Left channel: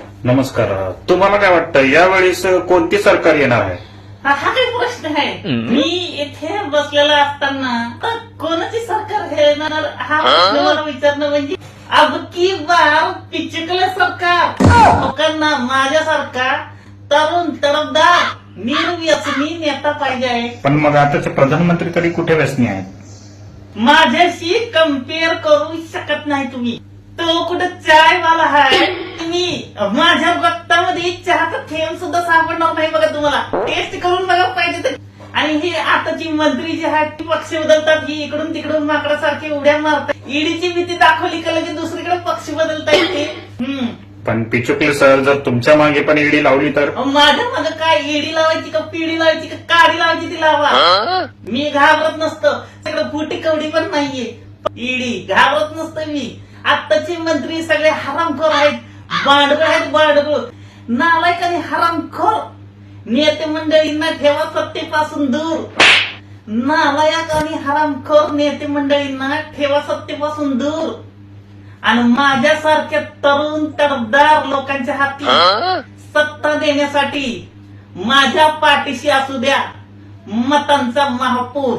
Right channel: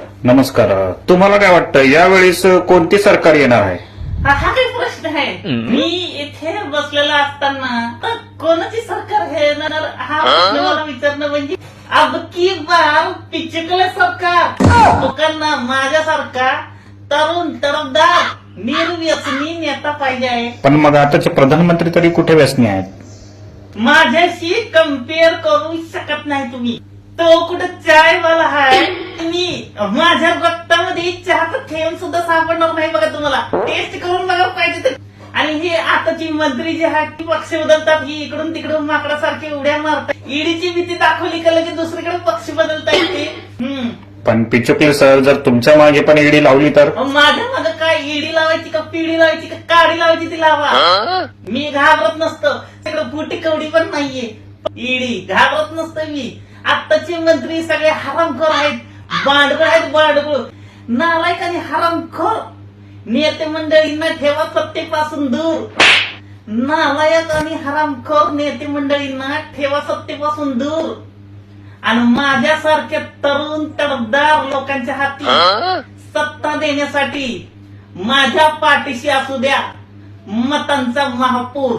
नमस्कार. तुम्हाला काय वाटतं यावेळेस कोणते सरकार येणार आहे? हा हा काही प्रश्न आहे. मी इथे बसलेला असताना तर कोणाची सरकार हे येणार? हा प्रश्न मला विचारणं म्हणजे अब की बार पिचकले सरकार? लोकांना माझ्यासारखा तरुण तरफदार निर्व्यसनी नेता पाहिजे आहे. पण मग आताचे प्रधानमंत्री तरी कुठे व्यसनी आहेत? माझ्याशी कंपेअर करू शकत नाही तुम्ही. तो कुठे चायवाला आहे तुम्ही माझ्या रक्तामध्ये चहाचा थेंब सुद्धा सापडणार नाही बघा तुम्हाला. टेस्ट करून बघा पाहिजे तर. आणि ही आताची मंत्री जी आहेत ती पक्ष बदलतात. ही इकडून तिकडून माकडासारखी उड्या मारतात. ईडीची भीती दाखवली का लगेच दुसरीकडे पक्ष बदलता येते पण पिचुकले सर जर तुमच्या मागे पण ईडी लावली तर? माझ्या माझं काय? ईडी लावायची का पिढी लावायची का काडी लावायची ती लावा. मी घाबरत नसतं. सगळं फुटी कवडी पण नाहीये. ईडी घाबरत नसतं मी. आत्ताचे मंत्री सगळे हरामखोर आहेत. बांडव आहेत बांडव नालायक आणि हरामखोर. नेते मंडळींना ठेवा सत्तेपासून दूर. नालायक आणि हरामखोर नेते मंडळींना ठेवा सत्तेपासून दूर. आणि माझ्यासारख्या तरुण तडफदार लोकांच्या हाती सत्ता देण्यासाठी माझ्या पाठीशी असू द्या. मतांचा महापूर.